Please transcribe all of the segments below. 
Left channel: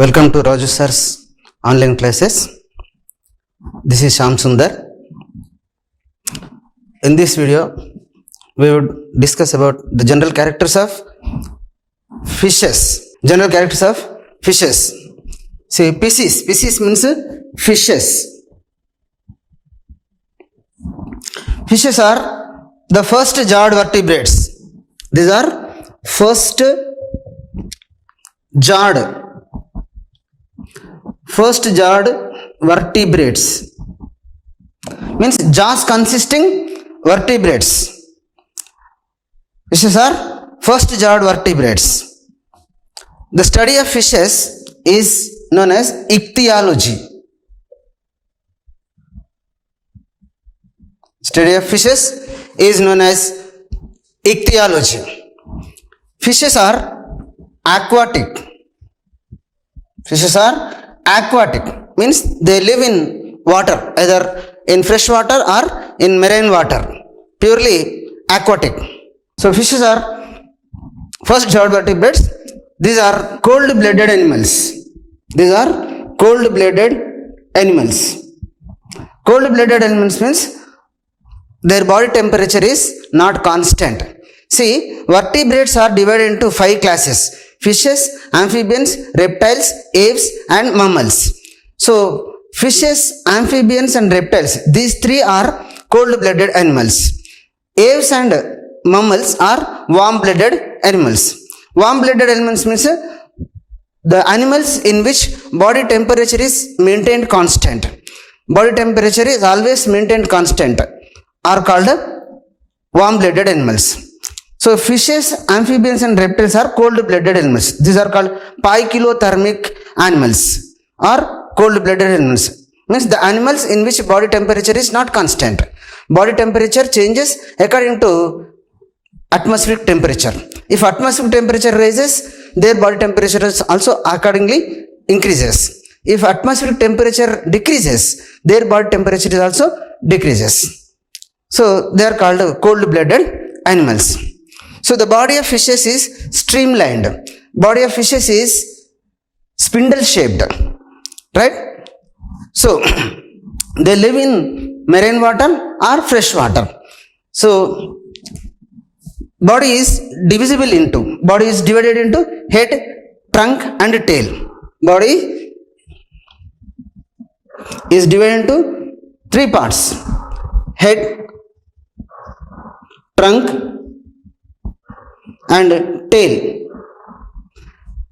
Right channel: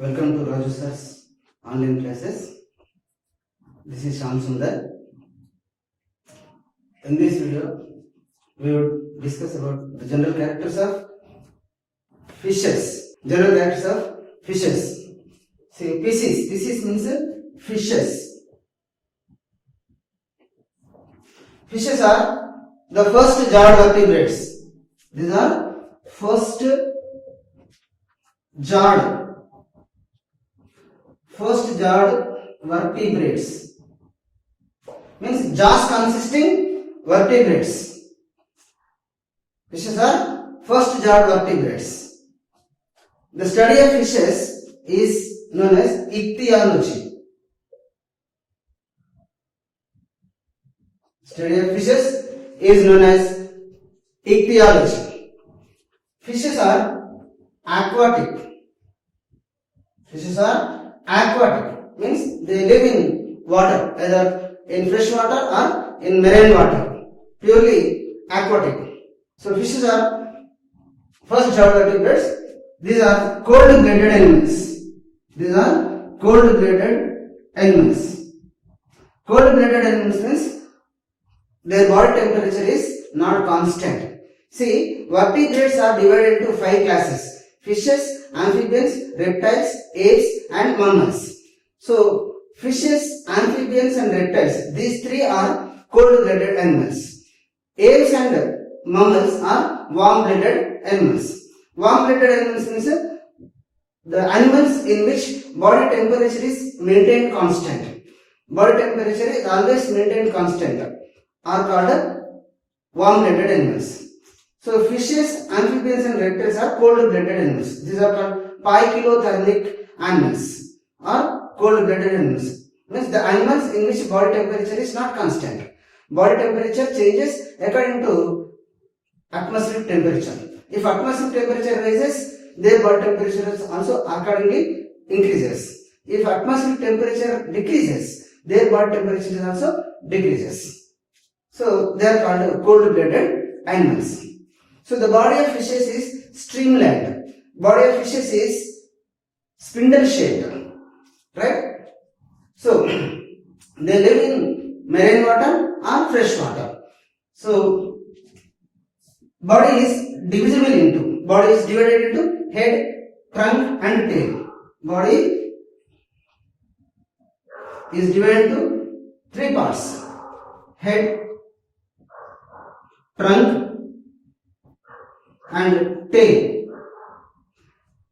Welcome to Raju sir's online classes. This is Shyam Sundar. In this video, we would discuss about the general characters of fishes. General characters of fishes. See, Pisceis. Pisceis means fishes. Fishes are the first jawed vertebrates. These are first jawed vertebrates, means jaws consisting vertebrates. Fishes are first jawed vertebrates. The study of fishes is known as ichthyology. Study of fishes is known as ichthyology. Fishes are aquatic. Fishes are aquatic, means they live in water, either in fresh water or in marine water, purely aquatic. So fishes are first jawed vertebrates. These are cold-blooded animals. These are cold-blooded animals. Cold-blooded animals means their body temperature is not constant. See, vertebrates are divided into 5 classes: fishes, amphibians, reptiles, apes and mammals. So fishes, amphibians and reptiles, these 3 are cold-blooded animals. Apes and mammals are warm-blooded animals. Warm-blooded animals means the animals in which body temperature is maintained constant. Body temperature is always maintained constant are called warm-blooded animals. So fishes, amphibians and reptiles are cold-blooded animals. These are called poikilothermic animals or cold-blooded animals. Means the animals in which body temperature is not constant. Body temperature changes according to atmospheric temperature. If atmospheric temperature rises, their body temperature is also accordingly increases. If atmospheric temperature decreases, their body temperature is also decreases. So they are called cold-blooded animals. So the body of fishes is streamlined. Body of fishes is spindle shaped, right? So they live in marine water or fresh water. So body is divided into head, trunk and tail. Body is divided into 3 parts: head, trunk and tail.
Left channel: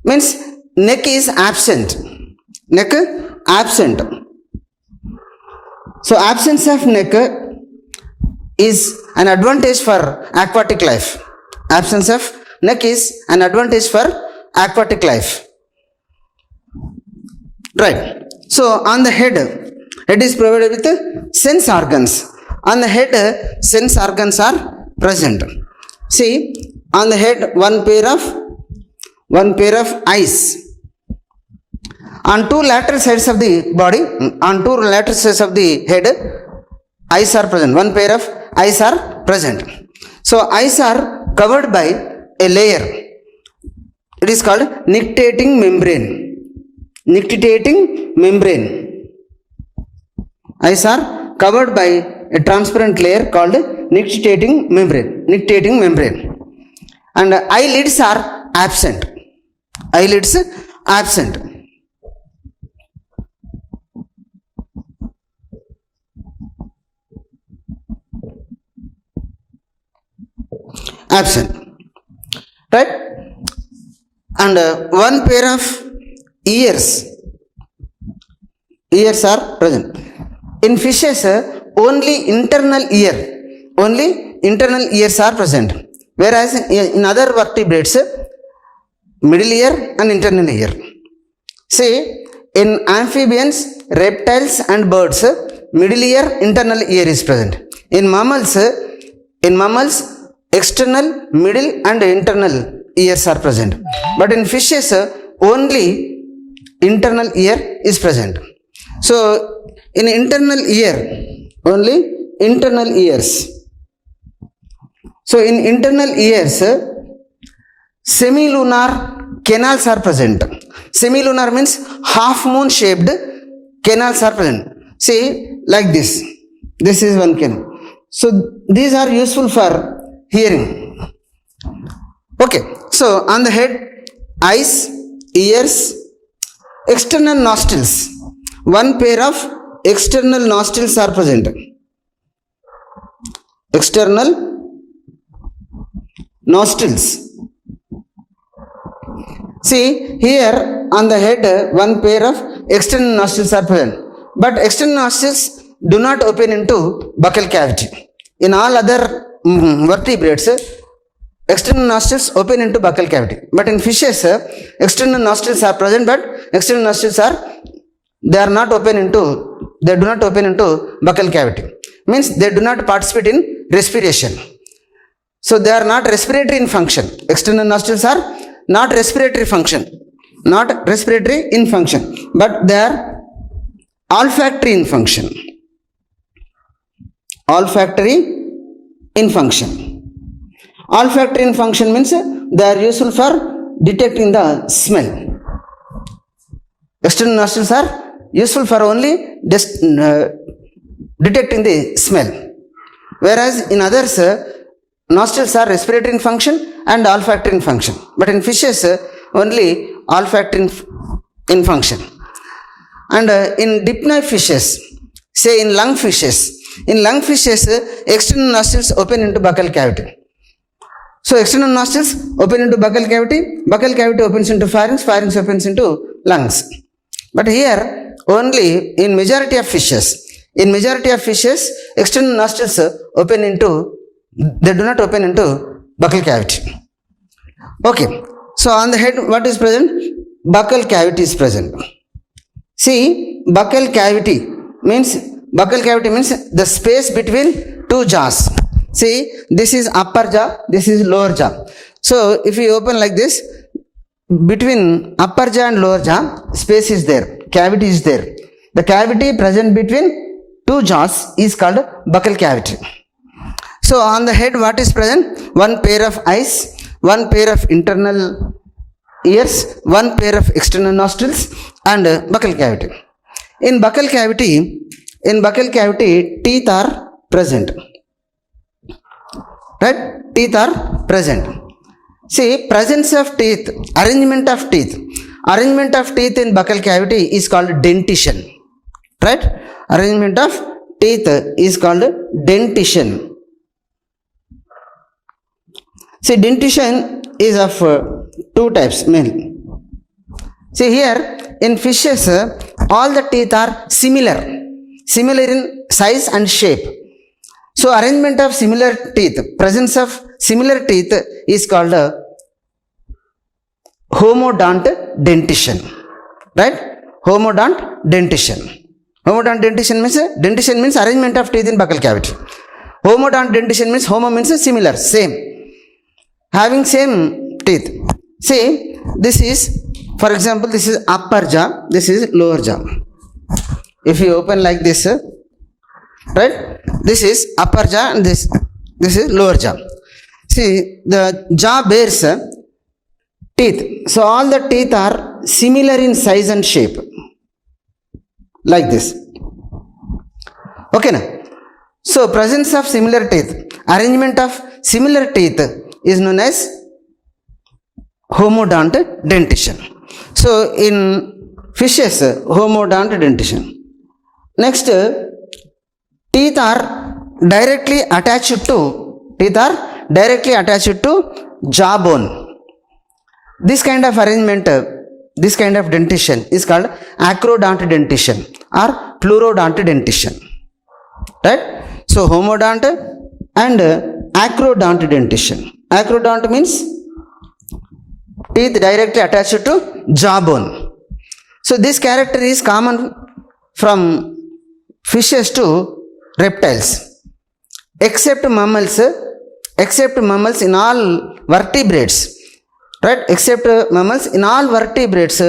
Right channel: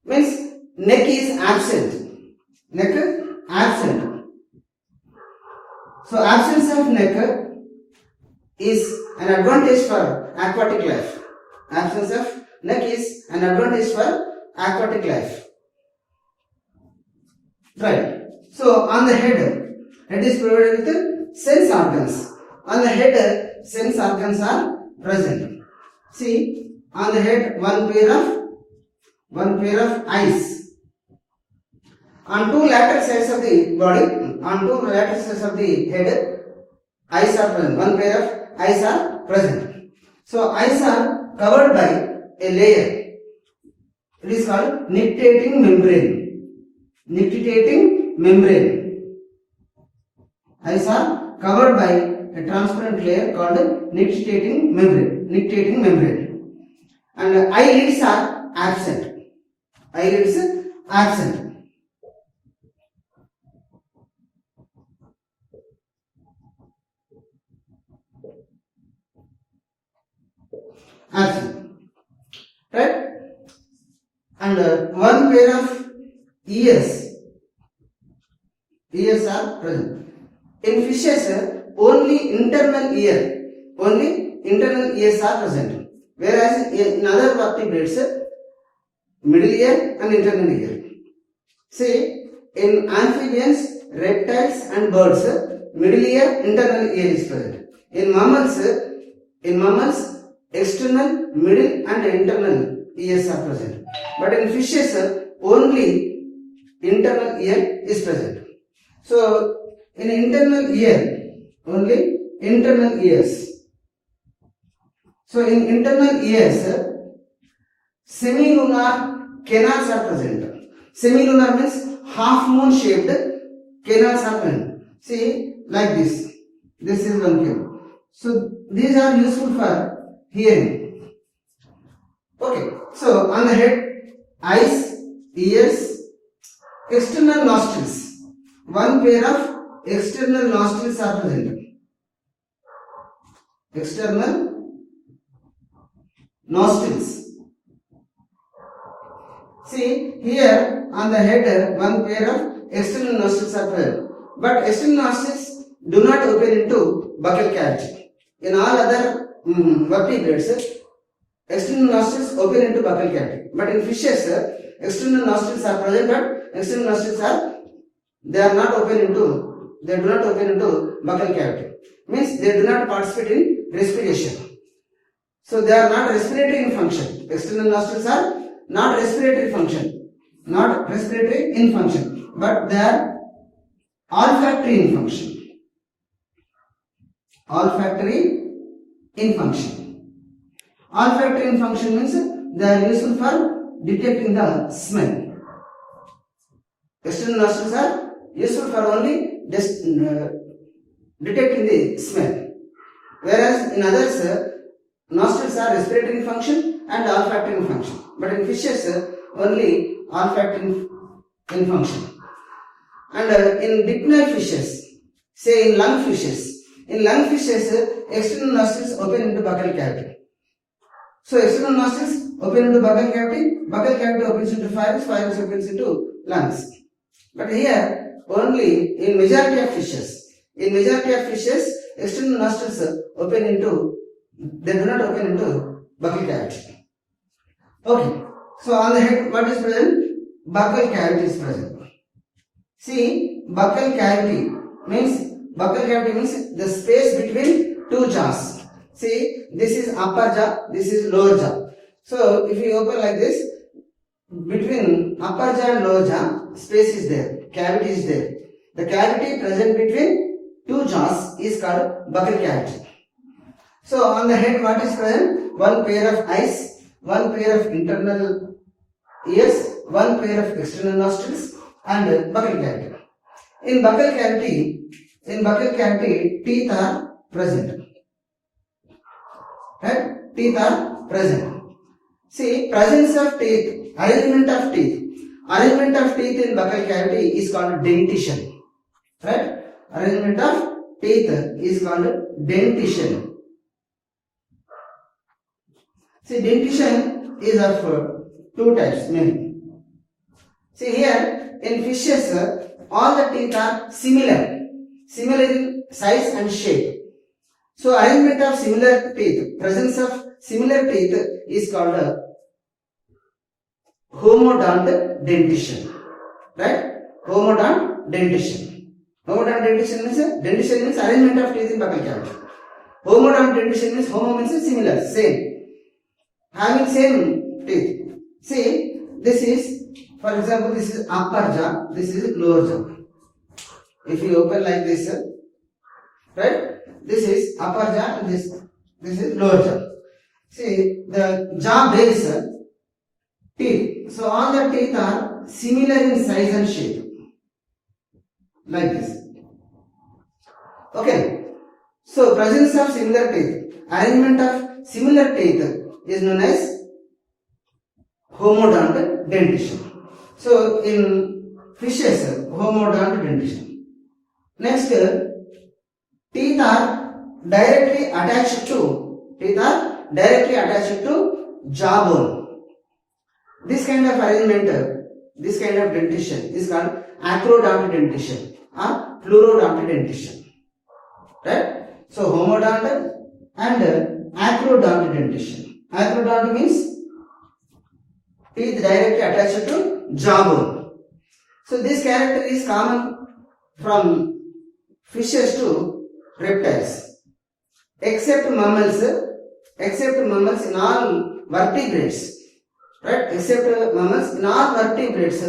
Means neck is absent. Neck absent. So absence of neck is an advantage for aquatic life. Absence of neck is an advantage for aquatic life. Right. So on the head is provided with sense organs. On the head, sense organs are present. See, on the head, one pair of eyes. On 2 lateral sides of the body, on 2 lateral sides of the head, eyes are present. One pair of eyes are present. So eyes are covered by a layer. It is called nictitating membrane. Nictitating membrane. Eyes are covered by a transparent layer called nictitating membrane. Nictitating membrane. And eyelids are absent. Eyelids absent. Absent. Right? And one pair of ears. Ears are present. In fishes, only internal ears are present. Whereas in other vertebrates, middle ear and internal ear. See, in amphibians, reptiles and birds, middle ear, internal ear is present. In mammals, external, middle and internal ears are present. But in fishes, only internal ear is present. So in internal ear, only internal ears. So in internal ears, semilunar canals are present. Semilunar means half moon shaped canals are present. See, like this. This is one canal. So these are useful for hearing. Okay. So on the head, eyes, ears, external nostrils. One pair of external nostrils are present. External nostrils. See, here on the head, one pair of external nostrils are present. But external nostrils do not open into buccal cavity. In all other vertebrates, external nostrils open into buccal cavity. But in fishes, external nostrils are present, but external nostrils they do not open into buccal cavity. Means they do not participate in respiration. So they are not respiratory in function. External nostrils are not respiratory in function, but they are olfactory in function. Olfactory in function. Olfactory in function means they are useful for detecting the smell. External nostrils are useful for only detecting the smell. Whereas in others, nostrils are respiratory in function and olfactory in function. But in fishes, only olfactory in function. And in dipnoid fishes, say in lungfishes, external nostrils open into buccal cavity. So external nostrils open into buccal cavity opens into pharynx opens into lungs. But here only in majority of fishes, external nostrils they do not open into buccal cavity. Okay, so on the head what is present? Buccal cavity is present. See, buccal cavity means the space between two jaws. See, this is upper jaw, this is lower jaw. So if you open like this, between upper jaw and lower jaw, space is there, cavity is there. The cavity present between two jaws is called buccal cavity. So on the head what is present? One pair of eyes, one pair of internal ears, one pair of external nostrils and buccal cavity. In buccal cavity, teeth are present. Right? Teeth are present. See, presence of teeth, arrangement of teeth in buccal cavity is called dentition. Right? Arrangement of teeth is called dentition. See, dentition is of two types mainly. See here, in fishes, all the teeth are similar in size and shape. So arrangement of similar teeth, presence of similar teeth is called homodont dentition. Right? Homodont dentition. Homodont dentition means arrangement of teeth in buccal cavity. Homodont dentition means homo means similar, same. Having same teeth. See, this is, for example, this is upper jaw, this is lower jaw. If you open like this, right? This is upper jaw and this is lower jaw. See, the jaw bears teeth. So all the teeth are similar in size and shape. Like this. Okay now. So presence of similar teeth, arrangement of similar teeth is known as homodont dentition. So in fishes, homodont dentition. Next, teeth are directly attached to jawbone. This kind of arrangement, this kind of dentition is called acrodont dentition or pleurodont dentition. Right? So homodont and acrodont dentition. Acrodont means teeth directly attached to jawbone. So this character is common from fishes to reptiles. Except mammals in all vertebrates. Right? Except mammals in all vertebrates,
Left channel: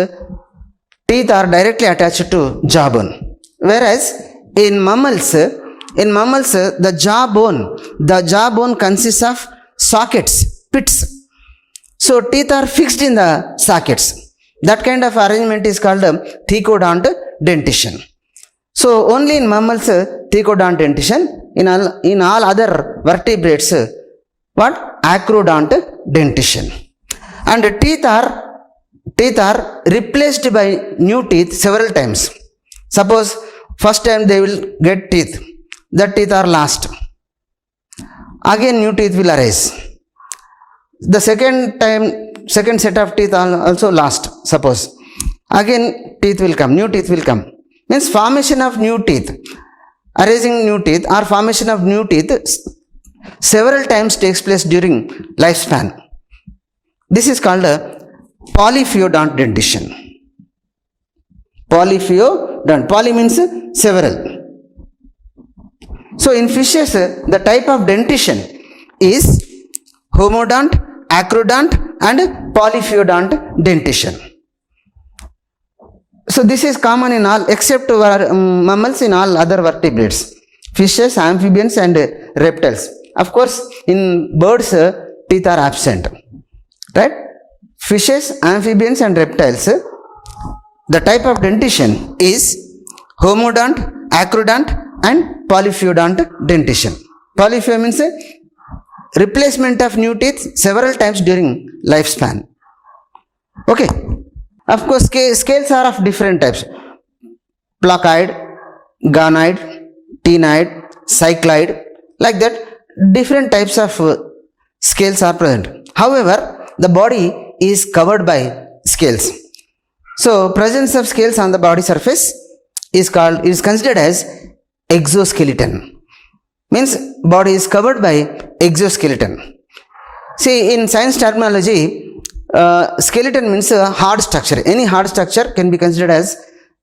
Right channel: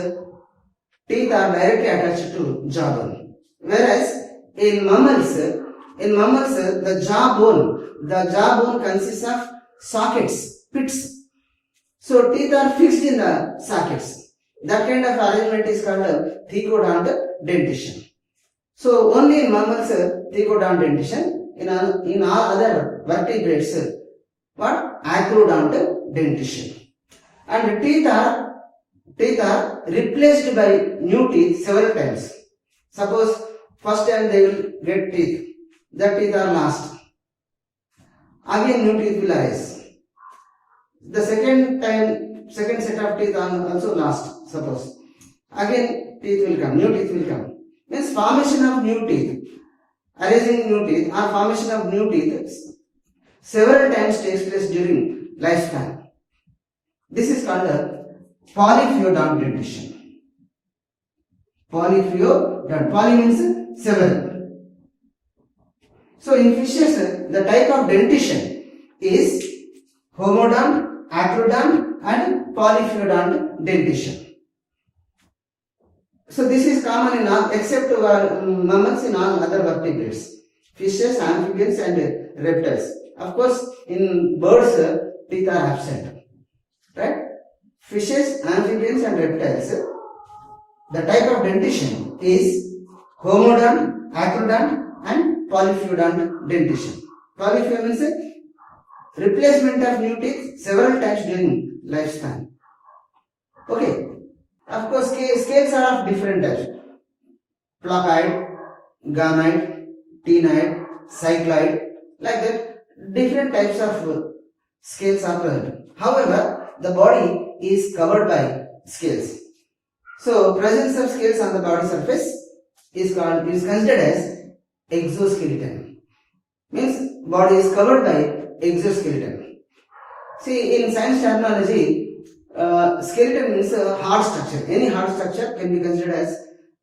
teeth are directly attached to jawbone. Whereas in mammals, the jawbone consists of sockets, pits. So teeth are fixed in the sockets. That kind of arrangement is called thecodont dentition. So only in mammals thecodont dentition, in all other vertebrates what? Acrodont dentition. And teeth are replaced by new teeth several times. Suppose first time they will get teeth, that teeth are lost, again new teeth will arise. The second set of teeth are also lost, suppose again teeth will come, new teeth will come. Means formation of new teeth, arising new teeth or formation of new teeth several times takes place during lifespan. This is called polyphyodont dentition. Polyphyodont, poly means several. So in fishes the type of dentition is homodont, acrodont and polyphyodont dentition. So this is common in all except mammals, in all other vertebrates, fishes, amphibians and reptiles. Of course in birds teeth are absent, right? Fishes, amphibians and reptiles, the type of dentition is homodont, acrodont and polyphyodont dentition. Polyphyodont means replacement of new teeth several times during lifespan. Okay. Of course scales are of different types: placoid, gonoid, ctenoid, cycloid, like that different types of scales are present. However, the body is covered by scales. So presence of scales on the body surface is considered as exoskeleton. Means body is covered by exoskeleton. See, in science terminology, skeleton means a hard structure. Any hard structure can be considered as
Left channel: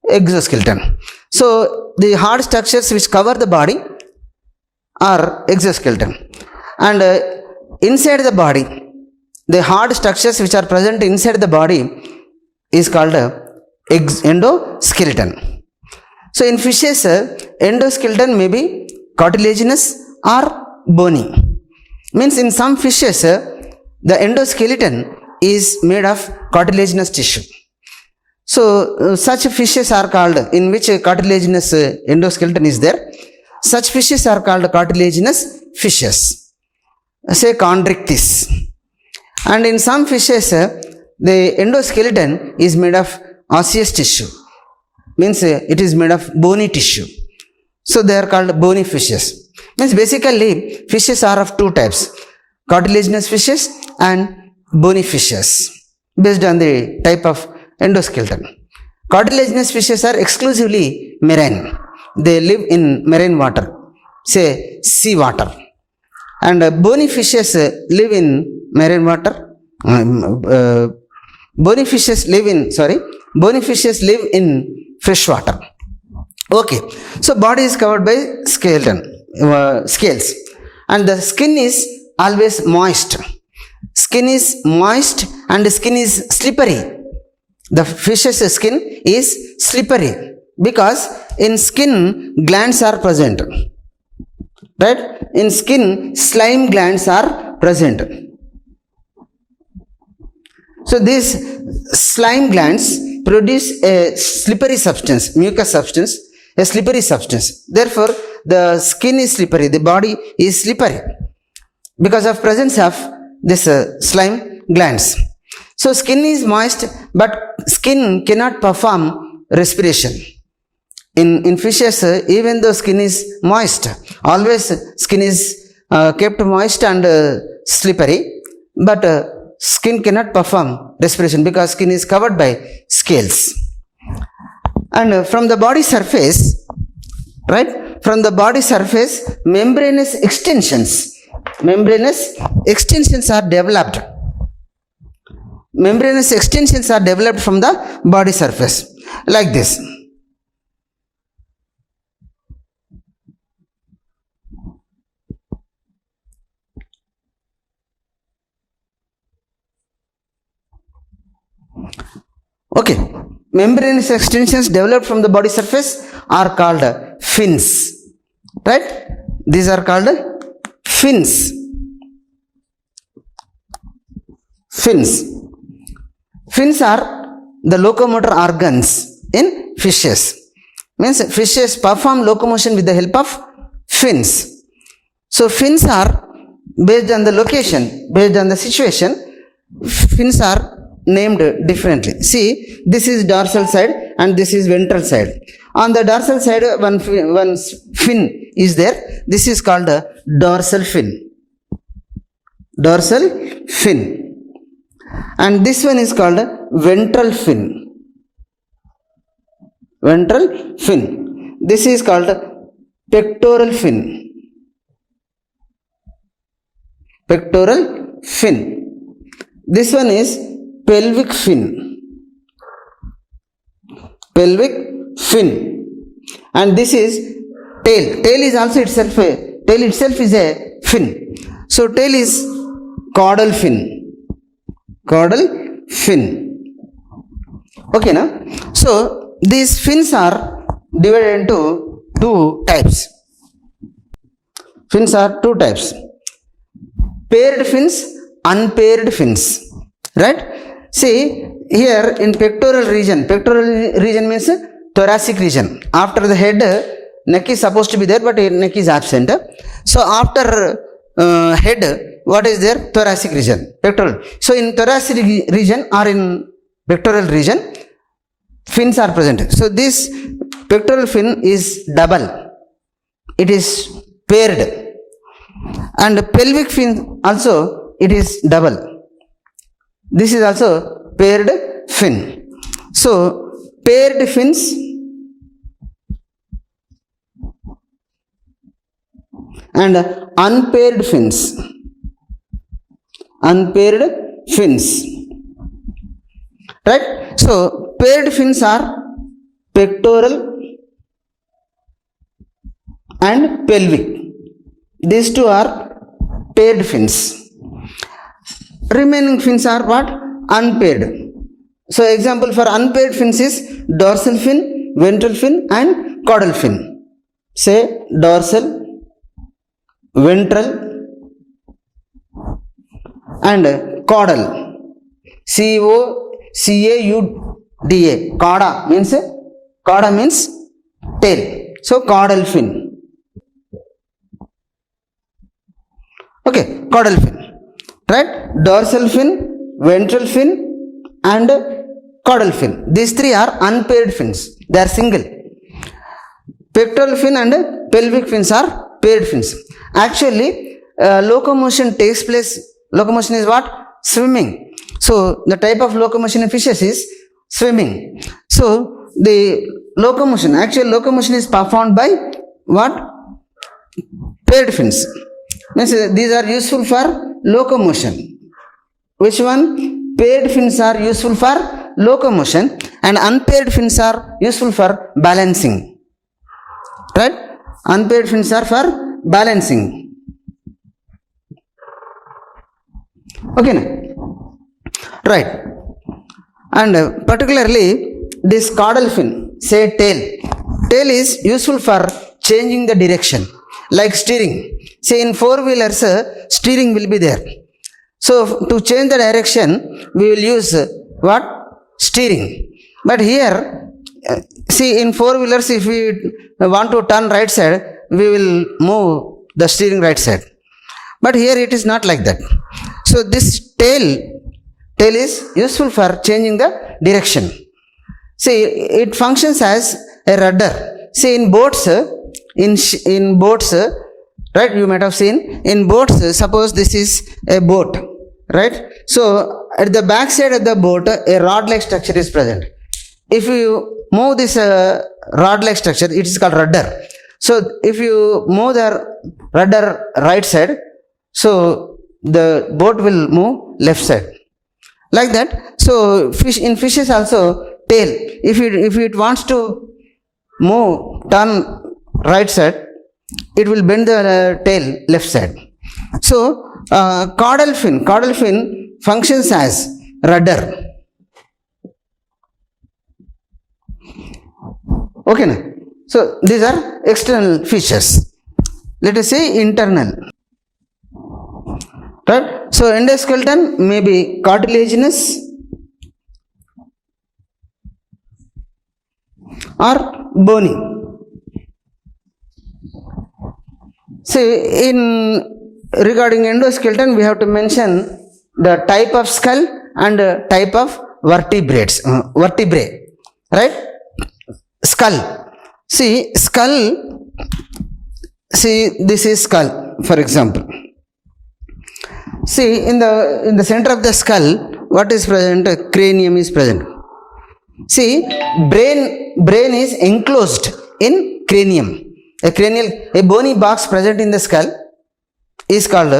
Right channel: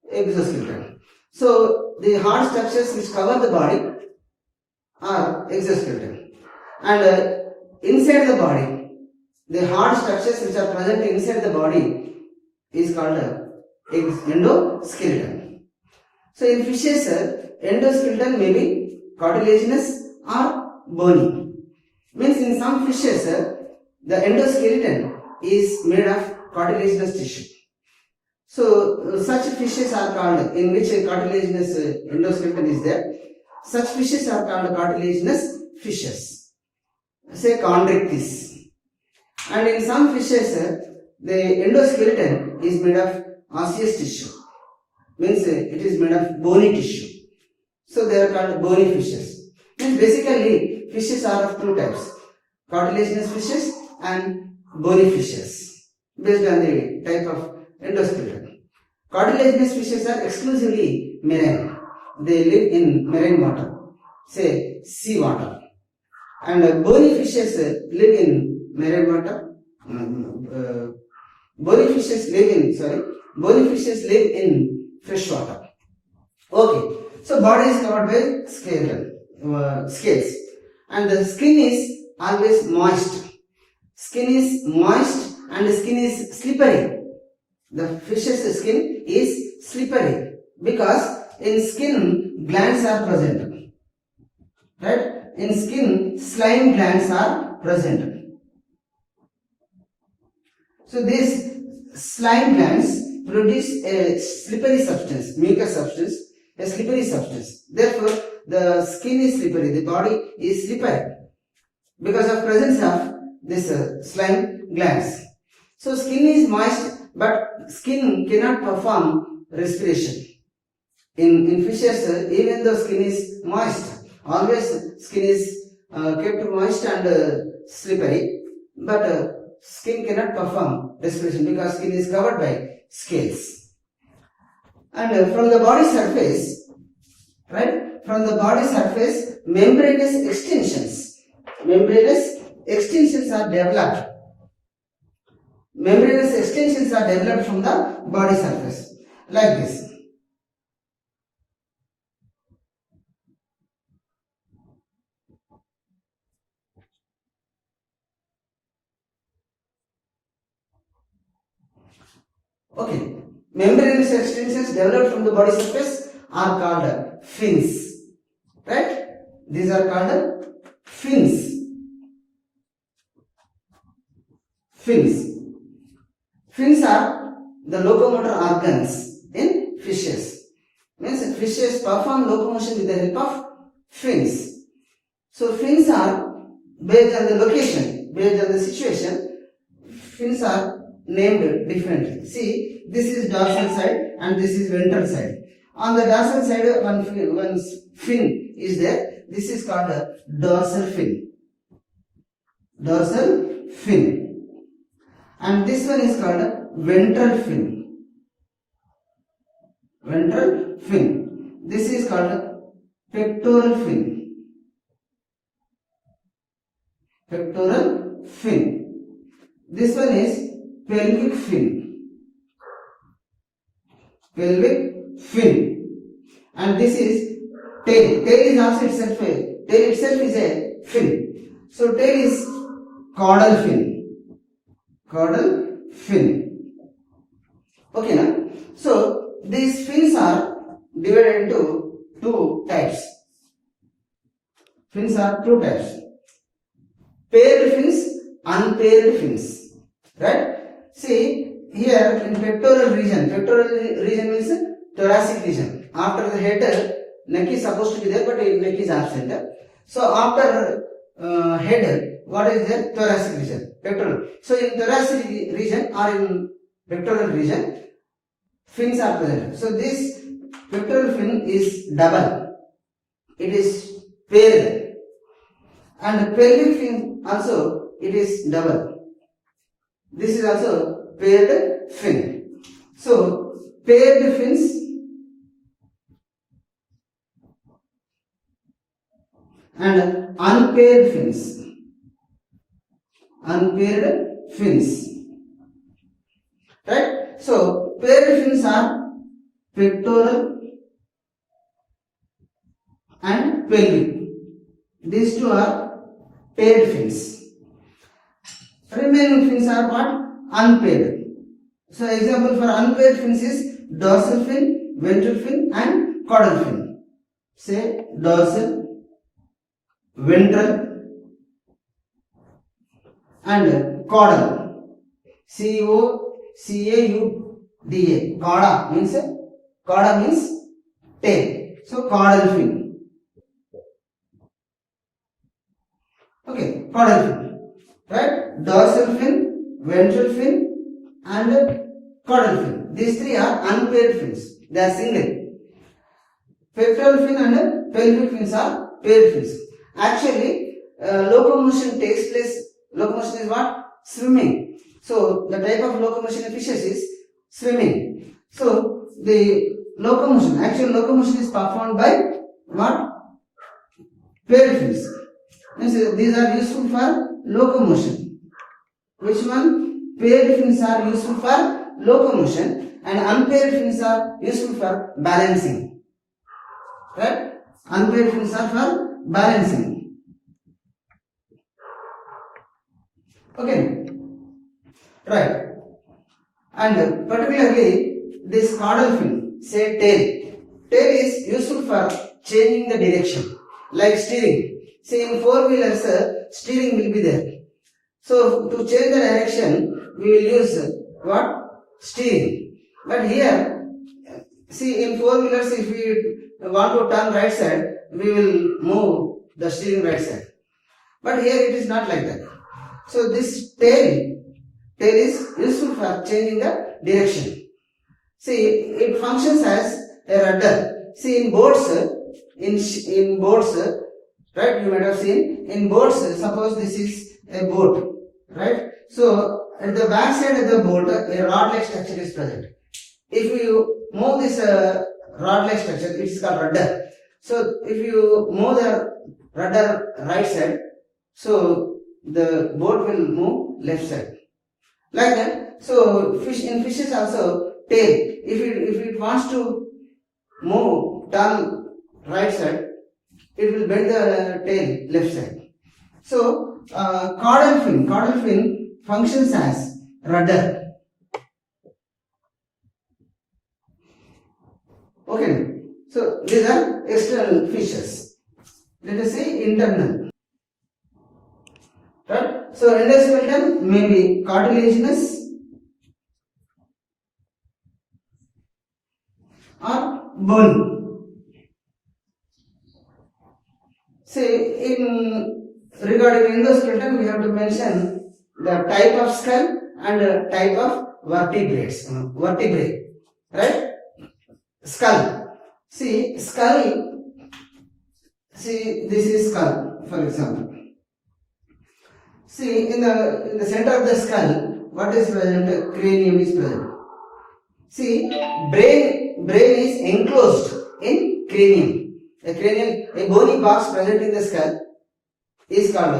exoskeleton. So the hard structures which cover the body are exoskeleton, and inside the body, the hard structures which are present inside the body is called endoskeleton. So in fishes, endoskeleton may be cartilaginous or bony. Means in some fishes the endoskeleton is made of cartilaginous tissue. So such fishes are called, in which cartilaginous endoskeleton is there, such fishes are called cartilaginous fishes, say chondrichthyes. And in some fishes the endoskeleton is made of osseous tissue, means it is made of bony tissue. So they are called bony fishes. Means basically fishes are of two types: cartilaginous fishes and bony fishes, based on the type of endoskeleton. Cartilaginous fishes are exclusively marine. They live in marine water, say sea water. And bony fishes live in marine water. Bony fishes live in fresh water. Okay, so body is covered by scales, and the skin is always moist. Skin is moist and skin is slippery. The fish's skin is slippery because in skin glands are present, right? In skin slime glands are present. So these slime glands produce a slippery substance, mucus substance, a slippery substance. Therefore the skin is slippery, the body is slippery because of presence of this slime glands. So skin is moist, but skin cannot perform respiration. In fishes, even though skin is moist, always skin is kept moist and slippery, but skin cannot perform respiration because skin is covered by scales. And from the body surface, right, from the body surface, membranous extensions are developed. Membranous extensions are developed from the body surface, like this. Okay, membranous extensions developed from the body surface are called fins, right? These are called fins. Fins are the locomotor organs in fishes. Means fishes perform locomotion with the help of fins. So fins are based on the location, based on the situation, fins are named differently. See, this is dorsal side and this is ventral side. On the dorsal side, one fin is there. This is called a dorsal fin. Dorsal fin. And this one is called a ventral fin. Ventral fin. This is called a pectoral fin. Pectoral fin. This one is pelvic fin. Pelvic fin. And this is tail. Tail is also itself a tail itself is a fin. So tail is caudal fin. Caudal fin. Okay, now. So these fins are divided into two types. Fins are two types. Paired fins, unpaired fins. Right? See, here in pectoral region means thoracic region. After the head, neck is supposed to be there, but neck is absent. So after head, what is there? Thoracic region, pectoral. So in thoracic region or in pectoral region, fins are present. So this pectoral fin is double. It is paired. And pelvic fin also, it is double. This is also paired fin. So paired fins and unpaired fins. Unpaired fins. Right? So paired fins are pectoral and pelvic. These two are paired fins. Remaining fins are what? Unpaired. So example for unpaired fins is dorsal fin, ventral fin and caudal fin. Say dorsal, ventral and caudal. C-O-C-A-U-D-A. Cauda means tail. So caudal fin. Okay, caudal fin. Right? Dorsal fin, ventral fin and caudal fin. These three are unpaired fins. They are single. Pectoral fin and pelvic fins are paired fins. Actually, locomotion takes place. Locomotion is what? Swimming. So the type of locomotion in fishes is swimming. So the actual locomotion is performed by what? Paired fins. Means these are useful for locomotion. Which one? Paired fins are useful for locomotion and unpaired fins are useful for balancing. Right? Unpaired fins are for balancing. Okay. Right. And particularly this caudal fin, say tail. Tail is useful for changing the direction, like steering. Say in four-wheelers, steering will be there. So to change the direction, we will use what? Steering. But here, see in four-wheelers, if we want to turn right side, we will move the steering right side. But here it is not like that. So this tail is useful for changing the direction. See, it functions as a rudder. See in boats, right, you might have seen in boats, suppose this is a boat, right? So at the back side of the boat, a rod like structure is present. If you move this rod like structure, it is called rudder. So if you move the rudder right side, so the boat will move left side, like that. So in fishes also, tail, if it wants to turn right side, it will bend the tail left side. So caudal fin functions as rudder. Okay, now. So these are external features. Let us say internal. Right? So endoskeleton may be cartilaginous or bony. See, in regarding endoskeleton, we have to mention the type of skull and type of vertebrae, right? Skull. See, skull. See, this is skull, for example. See, in the center of the skull, what is present? Cranium is present. See, brain is enclosed in cranium. A bony box present in the skull is called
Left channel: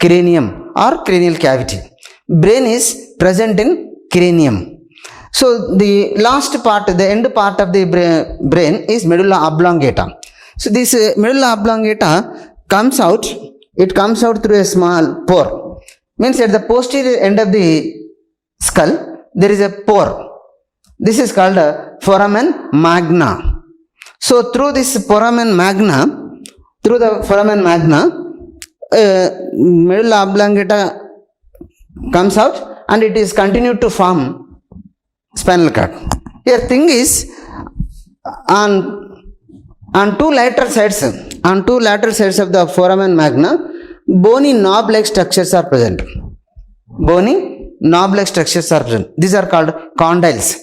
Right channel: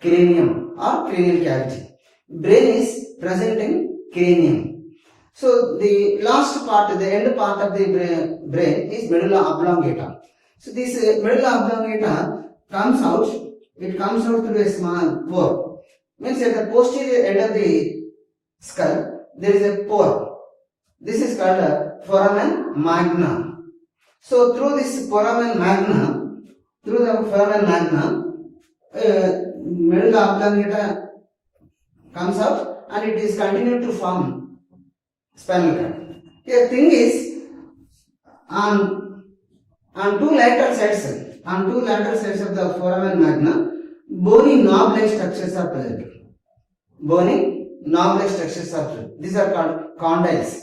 cranium or cranial cavity. Brain is present in cranium. So the last part, the end part of the brain is medulla oblongata. So this medulla oblongata comes out through a small pore. Means at the posterior end of the skull there is a pore. This is called foramen magna. So through the foramen magna, medulla oblongata comes out and it is continued to form spinal cord. Here thing is, on two lateral sides of the foramen magna, bony knob-like structures are present. These are called condyles,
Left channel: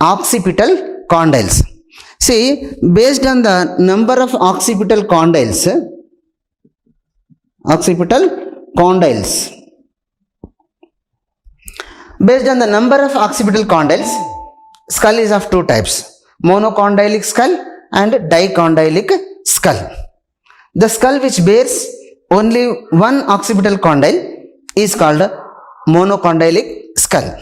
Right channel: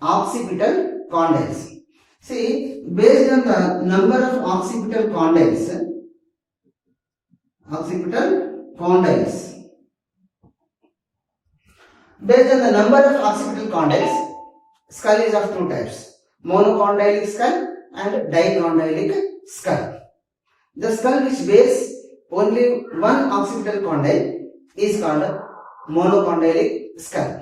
occipital condyles. See, based on the number of occipital condyles, skull is of two types: monocondylic skull and dicondylic skull. The skull which bears only one occipital condyle is called monocondylic skull.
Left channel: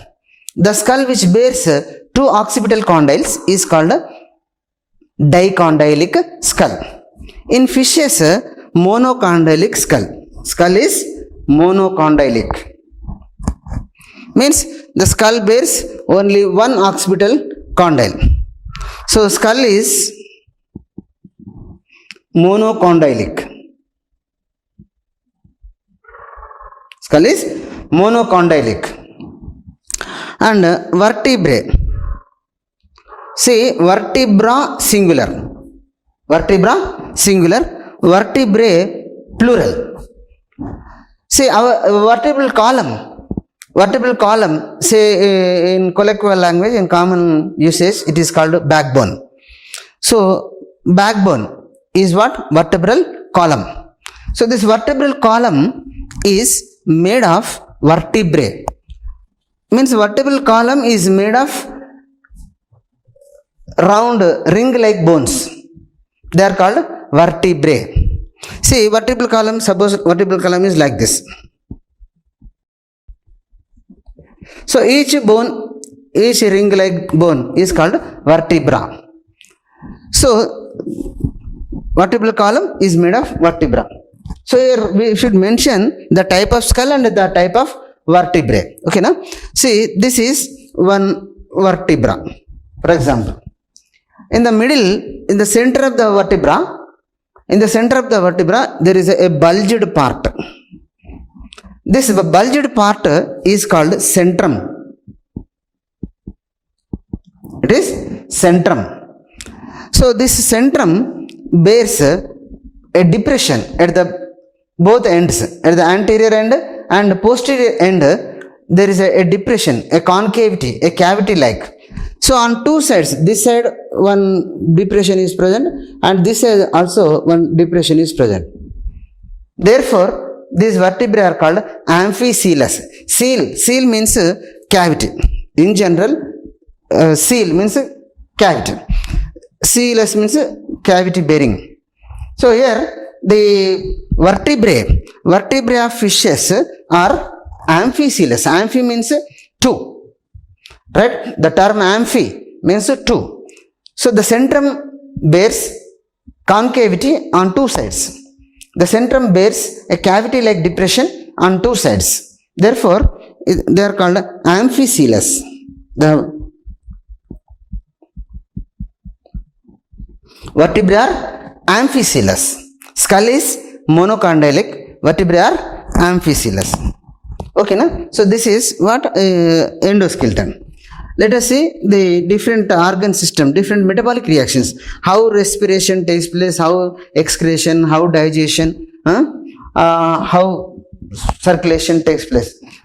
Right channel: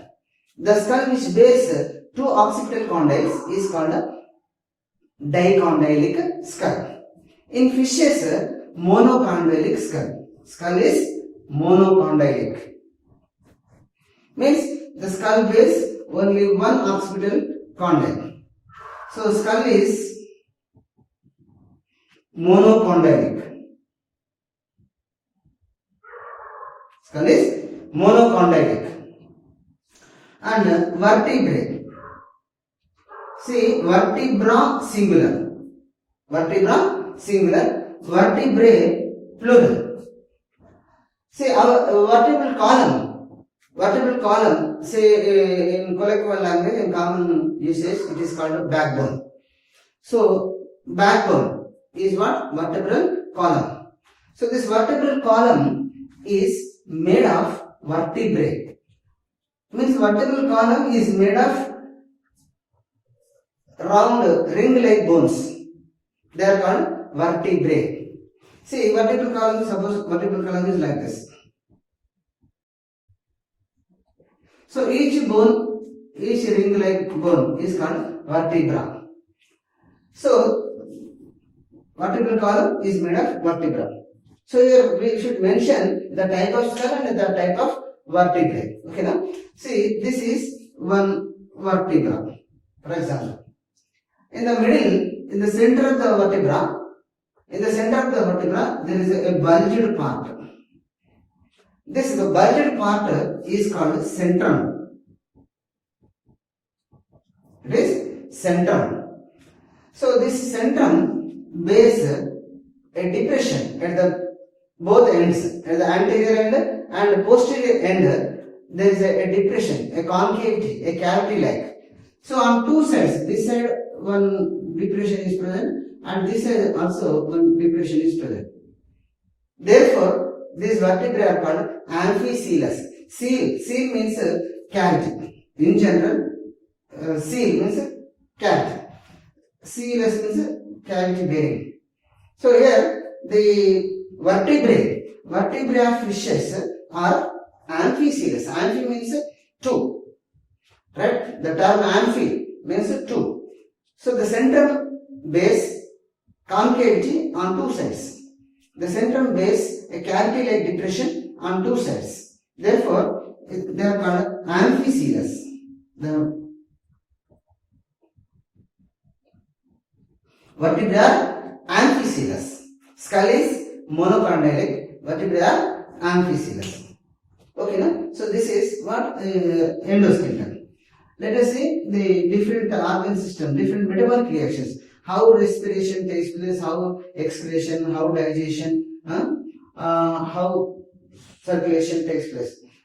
The skull which bears two occipital condyles is called dicondylic skull. In fishes, monocondylic skull is monocondylic, means the skull bears only one occipital condyle. So skull is monocondylic. And vertebrae. See, vertebra singular, vertebrae plural. See, our vertebral column, say in colloquial language, in common usage, it is called backbone. So backbone is what? Vertebral column. So this vertebral column is made of vertebrae. Means vertebral column is made of round ring-like bones. They are called vertebrae. See, vertebral column, suppose vertebral column is like this. So each ring-like bone is called vertebra. So vertebral column is made of vertebra. So here we should mention the type of skull and the type of vertebrae. Okay, now see, this is one vertebra, for example. In the middle, in the center of the vertebra, there is a bulged part. This bulged part is called centrum. It is centrum. So this centrum bears a depression at the both ends. At the anterior end and posterior end, there is a depression, a concavity, a cavity like. So on two sides, this side one depression is present and this side also one depression is present. Therefore, these vertebrae are called amphicoelous. Seal means cavity. In general, seal means cavity. Coelous means cavity bearing. So here the vertebrae of fishes are amphicoelous. Amphi means two. Right? The term amphi means two. So the centrum bears concavity on two sides. The centrum bears a cavity-like depression on two sides. Therefore, they are called amphicoelous. The vertebrae are amphicoelous. Skull is monocondylic. Vertebrae are amphicoelous. Okay, na? So this is what endoskeleton. let us see the different organ system, different metabolic reactions, how respiration takes place, how excretion, how digestion, how circulation takes place.